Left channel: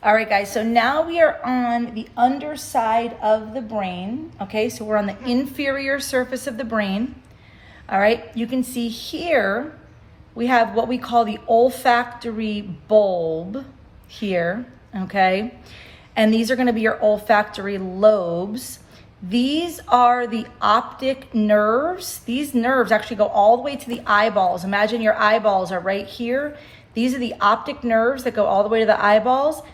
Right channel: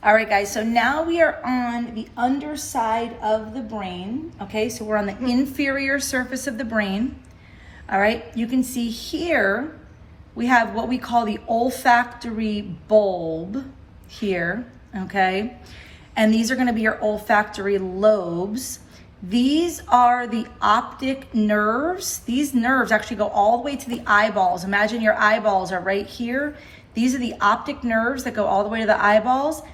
All right, guys, so now we are on the underside of the brain, okay? So we're on the inferior surface of the brain, all right? You can see here, we have what we call the olfactory bulb here, okay? And these are gonna be your olfactory lobes. These are the optic nerves. These nerves actually go all the way to the eyeballs. Imagine your eyeballs are right here. These are the optic nerves that go all the way to the eyeballs.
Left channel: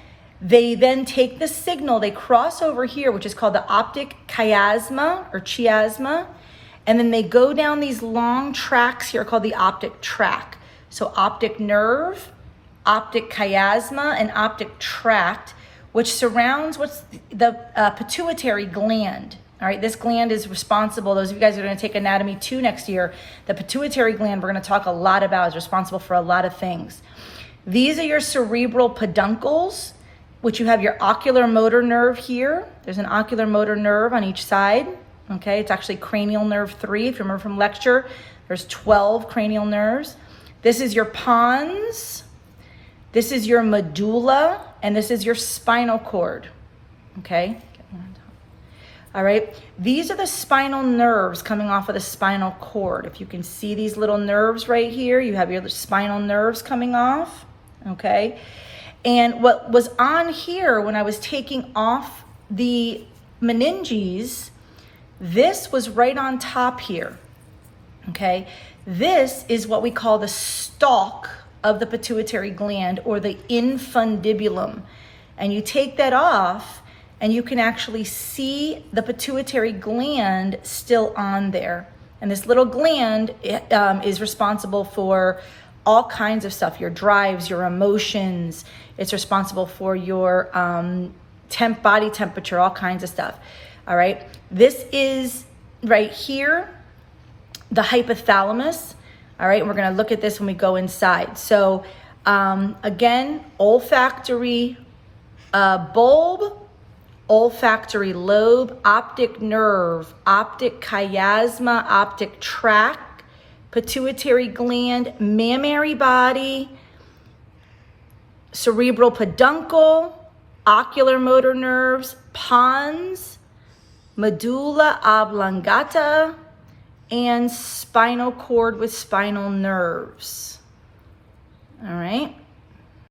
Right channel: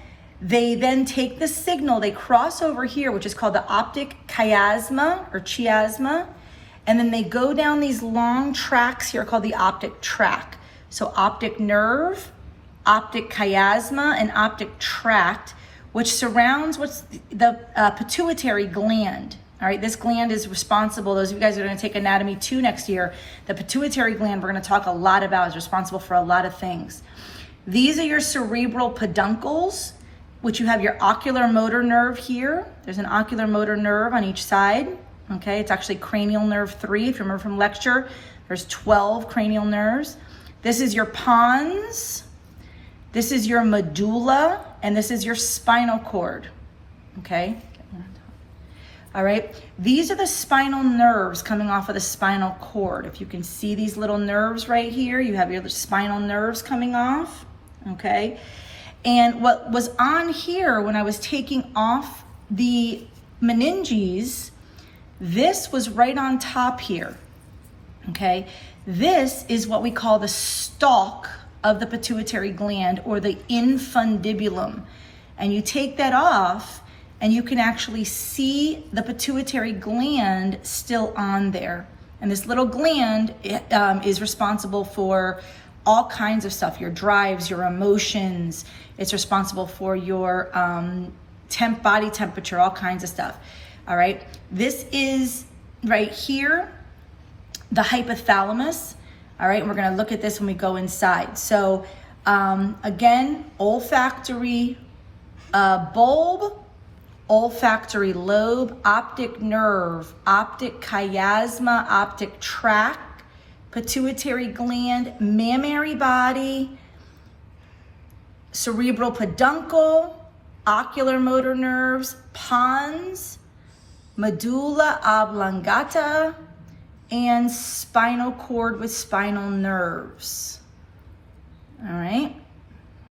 They then take the signal, they cross over here, which is called the optic chiasma or chiasma, and then they go down these long tracks here called the optic tract. So optic nerve, optic chiasma, and optic tract, which surrounds what's the pituitary gland. All right, this gland is responsible, those of you guys who are gonna take Anatomy 2 next year, the pituitary gland we're gonna talk a lot about is responsible for a lot of things. These are your cerebral peduncles, which you have your ocular motor nerve here. There's an ocular motor nerve on each side, okay? It's actually cranial nerve 3, if you remember from lecture. There's 12 cranial nerves. This is your pons, this is your medulla, and this is your spinal cord, okay? All right, these are the spinal nerves coming off of the spinal cord. If you can see these little nerves right here, you have your spinal nerves coming off, okay? And what was on here when I was taking off the meninges, this was right on top here, okay? This is what we call the stalk of the pituitary gland, or the infundibulum. And you take that off and you can actually see the pituitary gland still on there. And this little gland is responsible for all kinds of stuff, your drives, your emotions. It's responsible for your body temperature, all kinds of stuff. All right, this is right here, the hypothalamus. All right, and we're gonna look at this when we go inside. So again, olfactory bulb, olfactory lobe, optic nerve, optic chiasma, optic tract, pituitary gland, mammary body, cerebral peduncle, ocular motor nerves, pons, medulla oblongata, and spinal cord with spinal nerves. All right.